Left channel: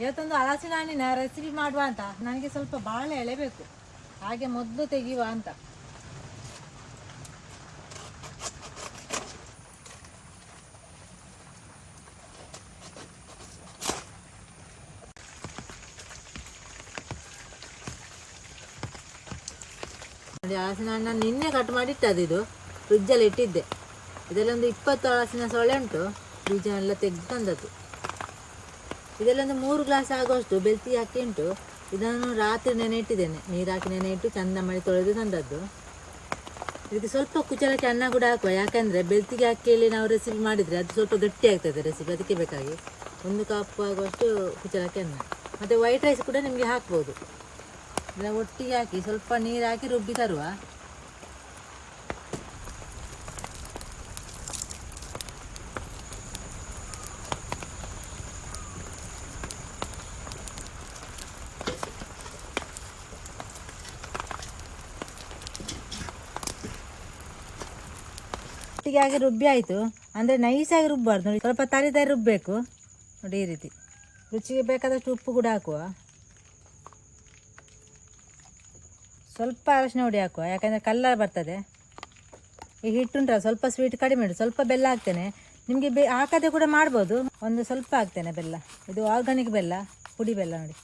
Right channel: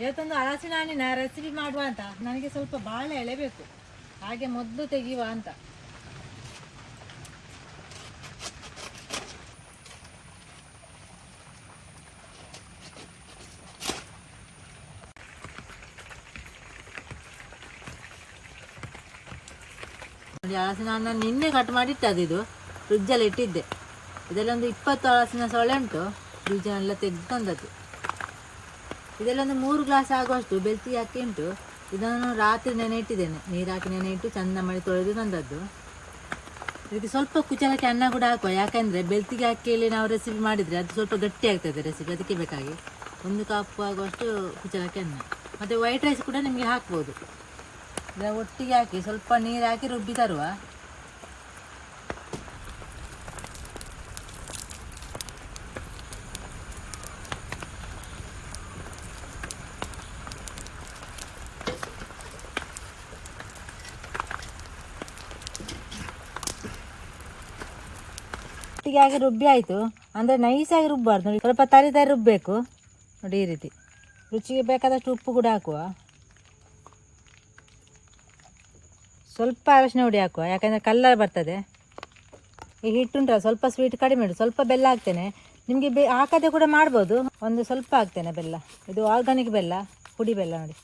ಇವತ್ತೊಂದು ಹಲಸಿನ ಹಣ್ಣಿನ ರೆಸಿಪಿ ಮಾಡುವ ಅಂತ. ನನಗೆ ಸ್ವಲ್ಪ ಬಾಳೆ ಎಳೆ ಬೇಕು ಹಾಗೆ ಮೊದಲು ತೆಗೆಯುವ ಅಂತ. ಹಲಸಿನ ಹಣ್ಣನ್ನು ನಿನ್ನೆ ಕಟ್ ಮಾಡಿ ಇದು. ಫ್ರಿಜ್ಜಲ್ಲಿ ಇಟ್ಟಿದ್ದೆ. ಇದರಲ್ಲೊಂದು ಇಪ್ಪತ್ತು ಹಲಸಿನ ಸೊಳ್ಳೆ ಉಂಟು. ಬೀಜನೆಲ್ಲ ತೆಗೆದು ತಂದದ್ದು. ಇದೆಲ್ಲೊಂದು ಮೂರು ಗ್ಲಾಸ್ ಆಗುವಷ್ಟು ಬೆಳ್ತಿ ಹಾಕಿ ಉಂಟು. ಇದನ್ನು ರಾತ್ರಿ ನೆನೆ ಇಟ್ಟಿದ್ದೇನೆ ನೀರು ಹಾಕಿ ನೆನೆ ಇಟ್ಟು ಚಂದ ಮಾಡಿ ತೊಳೆದು ತಂದದ್ದು. ಇದಕ್ಕೆ ಸ್ವಲ್ಪ ಕುಚಲಕ್ಕೆ ಅನ್ನ ಕೂಡ ಹಾಕುವ. ಯಾಕಂದರೆ ಬೆಳ್ತಿಗೆ ಅಕ್ಕಿಯಲ್ಲಿ ನಾವು ರೆಸಿಪಿ ಮಾಡಿದರೆ ಅದು ಸ್ವಲ್ಪ ಗಟ್ಟಿ ಆಗ್ತದೆ ರೆಸಿಪಿ ಅದಕ್ಕೆ ಬೇಕಾಗಿ. ಒಂದು ಕಪ್ ಆಗುವಷ್ಟು ಕುಚಲಕ್ಕೆ ಅನ್ನ. ಮತ್ತು ವೈಟ್ ರೈಸ್ ಕೂಡ ನಿಮಗೆ ಹಾಕ್ಬೋದು. ಒಟ್ಟಿಗೆ ಹಾಕಿ ಸ್ವಲ್ಪ ನೀರು ಹಾಕಿ ರುಬ್ಬಿ ತರುವ. ಒಟ್ಟಿಗೆ ರುಬ್ಬಿ ಆಯಿತು. ಅಂದರೆ ನೈಸಾಗಿ ರುಬ್ಬಾರ್ದು ನೋಡಿ, ಸ್ವಲ್ಪ ತರಿ ತರಿ ರುಬ್ಬಬೇಕು ನೋಡಿ, ಈ ರೀತಿ. ರುಚಿಗೆ ಬೇಕಾದಷ್ಟು ಉಪ್ಪು ಕೂಡ ಹಾಕುವ. ಸ್ವಲ್ಪ ಅರಶಿನ ಹುಡಿ ಹಾಕುವ. ಯಾಕಂದರೆ ಕಲ್ಲರ್ ಬರ್ತದೆ. ಈ ಹಿಟ್ಟುಂಟಲ್ಲ ಸ್ವಲ್ಪ ಸ್ವೀಟ್ ಕಡಿಮೆ ಉಂಟು. ಸ್ವಲ್ಪ ಬೆಲ್ಲ ಹಾಕ್ತೇನೆ. ನಿಮಗೆ ಬೆ ಹಾಕದೆ ಕೂಡ ಮಾಡ್ಬೋದು. ಒಂದು ಸ್ವಲ್ಪ ಹಾಕ್ತೇನೆ ಬೆಲ್ಲ. ಇದು ಆರ್ಗಾನಿಕ್ ಬೆಲ್ಲ, ಪುಡಿ ಬೆಲ್ಲ ನೋಡಿ.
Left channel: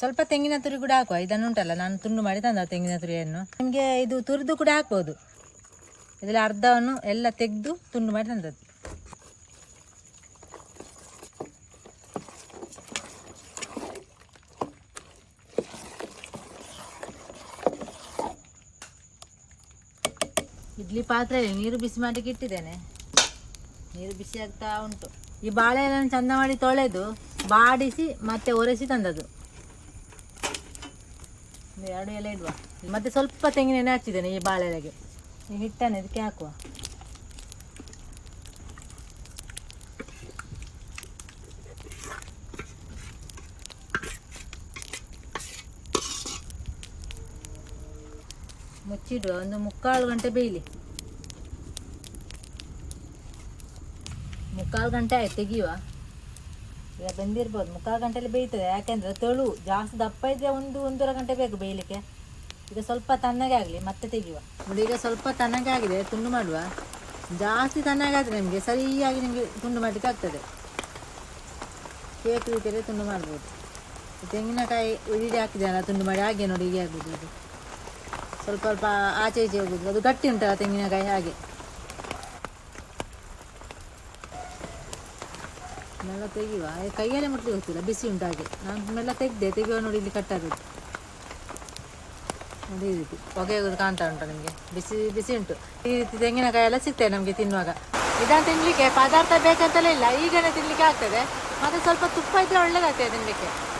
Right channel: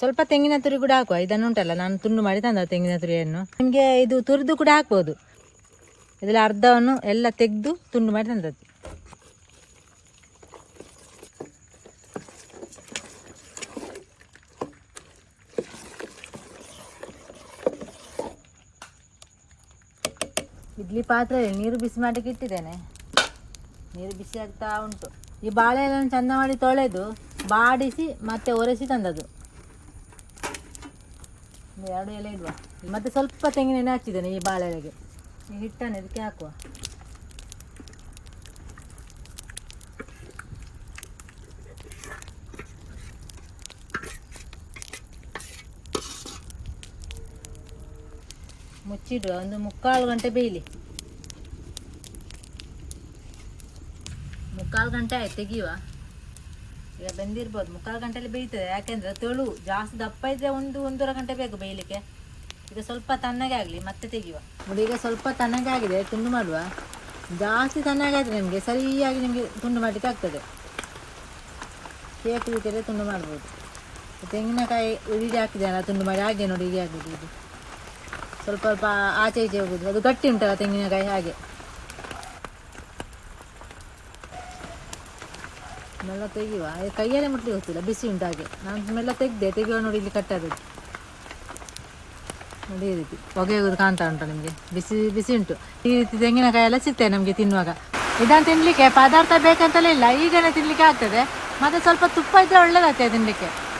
ಸ್ವಲ್ಪ ತೆಂಗಿನ ತುರಿ ಕೂಡ ಹಾಕುವ. ಇದನ್ನು ಉಂಟಲ್ಲ, ನಾನು ತುಂಡು ಮಾಡಿ ತಂದ ತೆಂಗಿನ ತುರಿಯನ್ನು. ನಿಮಗೆ ಇದು ತುರಿದು ಕೂಡ ಹಾಕ್ಬೋದು. ಇದರಲ್ಲಿ ಅರ್ಧವನ್ನು ಎಲ್ಲ ತೆಗೆದು ತುಂಡು ಮಾಡಿ ತಂದದ್ದು. ಇಡ್ಲಿ ಪಾತ್ರೆಯಲ್ಲಿ ನೀರು ಬಿಸಿ ಮಾಡಲಿಕ್ಕೆ ಇಟ್ಟಿದ್ದೇನೆ. ನೀರು ಬಿಸಿ ಆಗ್ತಾ ಉಂಟು. ಈ ಬಾಳೆಎಲೆಯನ್ನು ಚಂದ ಮಾಡಿ ತೊಳೆದು ಬಾಡಿಸಿ ಮತ್ತೆ ಒರೆಸಿ ತಂದದ್ದು. ಎರಡು ಎಲೆ ಇಡುವ. ಮತ್ತೆ ಸ್ವಲ್ಪ ತೆಂಗಿನ ಎಣ್ಣೆ ಹಚ್ಚಿದ್ದೇನೆ ಈ ಬಾಳೆಲೆಗೆ ಹಿಟ್ಟನ್ನು ಇದಕ್ಕೆ ಹಾಕುವ. ಮುಚ್ಚಿಡುವ. ಒಂದು ಮುಕ್ಕಾಲು ಗಂಟೆ ಬೇಯಲಿ. ಮುಕ್ಕಾಲು ಗಂಟೆ ಆಯ್ತು, ತೆಗಿಯುವ. ಈಗ ಬಂದಿರ್ಬೋದು. ಮುಕ್ಕಾಲು ಗಂಟೆಯಲ್ಲಿ ಬೇಯ್ತದೆ. ಯಾಕೆಂದ್ರೆ ತೊಳು ಜಾಸ್ತಿ ದಪ್ಪ ಇದ್ರೆ ಒಂದು, ಒಂದೂವರೆ ಗಂಟೆ ಬೇಕು ಬೇಯಲಿಕ್ಕೆ. ಈಗ ಸ್ವಲ್ಪ ತಣ್ಣಗೆ ಆಗಲಿ, ಮತ್ತೆ ತೆಗೆಯುವ. ನೋಡಿ, ಈಗ ಸ್ವಲ್ಪ ತಣ್ಣಗೆ ಆಗಿದೆ, ತುಂಡು ಮಾಡುವ. ಜಾಸ್ತಿ ತಣ್ಣಗೆ ಆದರೆ ನಿಮಗೆ ಸರಿಯಾಗಿ ನಿಮಗೆ ತುಂಡು ಮಾಡಲಿಕ್ಕೆ ಆಗ್ತದೆ. ಕೇಕ್ ರೀತಿಯಲ್ಲಿ ತುಂಡು ಮಾಡ್ಬೋದು. ತೆಂಗಿನಕಾಯಿ ಉಳಿದು ಹಾಕಿದಲ್ಲ ತುಂಡು ಮಾಡಿ ಹಾಗೆ ನೋಡಿ, ಹೀಗೆ ಆಗ್ಬೋದು ಇದು ಸ್ವಲ್ಪ ಸ್ವಲ್ಪ ಆಚೆ ಈಚೆ ಹೋಗುದು ಅದು ಗಟ್ಟಿ ಉಂಟಲ್ಲ ತೆಂಗಿನಕಾಯಿ, ಹಾಗೆ. ಮೆಲ್ಲ ತೆಗೆಯುವ. ಕೈಯಲ್ಲೇ ಮುಟ್ಲಿಕ್ಕೆ ಹೋಗ್ತಿಲ್ಲ ಬಿಸಿ ಉಂಟು ಹಾಗೆ. ನಾನು ಮೆಲ್ಲ ತೆಗ್ದೆ, ತೆಗೆಯುವ ನೋಡಿ, ಇಲ್ಲಿ ಕಟ್ಟಾದದ್ದು ಈ ರೀತಿ. ಹೊಗೆ ಕಾಣ್ತಾ ಉಂಟು ನಿಮಗೆ. ಬಿಸಿ ಬಿಸಿ ಉಂಟು. ಈ ರೀತಿ ತೆಂಗಿನಕಾಯಿ ಎಲ್ಲ ಸಿಗ್ತದೆ ನಮಗೆ ತಿನ್ನುವಾಗ. ಇದನ್ನು ತಿನ್ನಲಿಕ್ಕೆ ಪದಾರ್ಥ ಬೇಕಂತಲೇ ಇಲ್ಲ. ಈಗಲೇ ತಿನ್ನಲಿಕ್ಕೆ ಆಗ್ತದೆ. ಮತ್ತೆ ಸ್ವಲ್ಪ ತುಪ್ಪ ಇದ್ದರೆ ಒಳ್ಳೇದಾಗ್ತದೆ ತಿನ್ನಲಿಕ್ಕೆ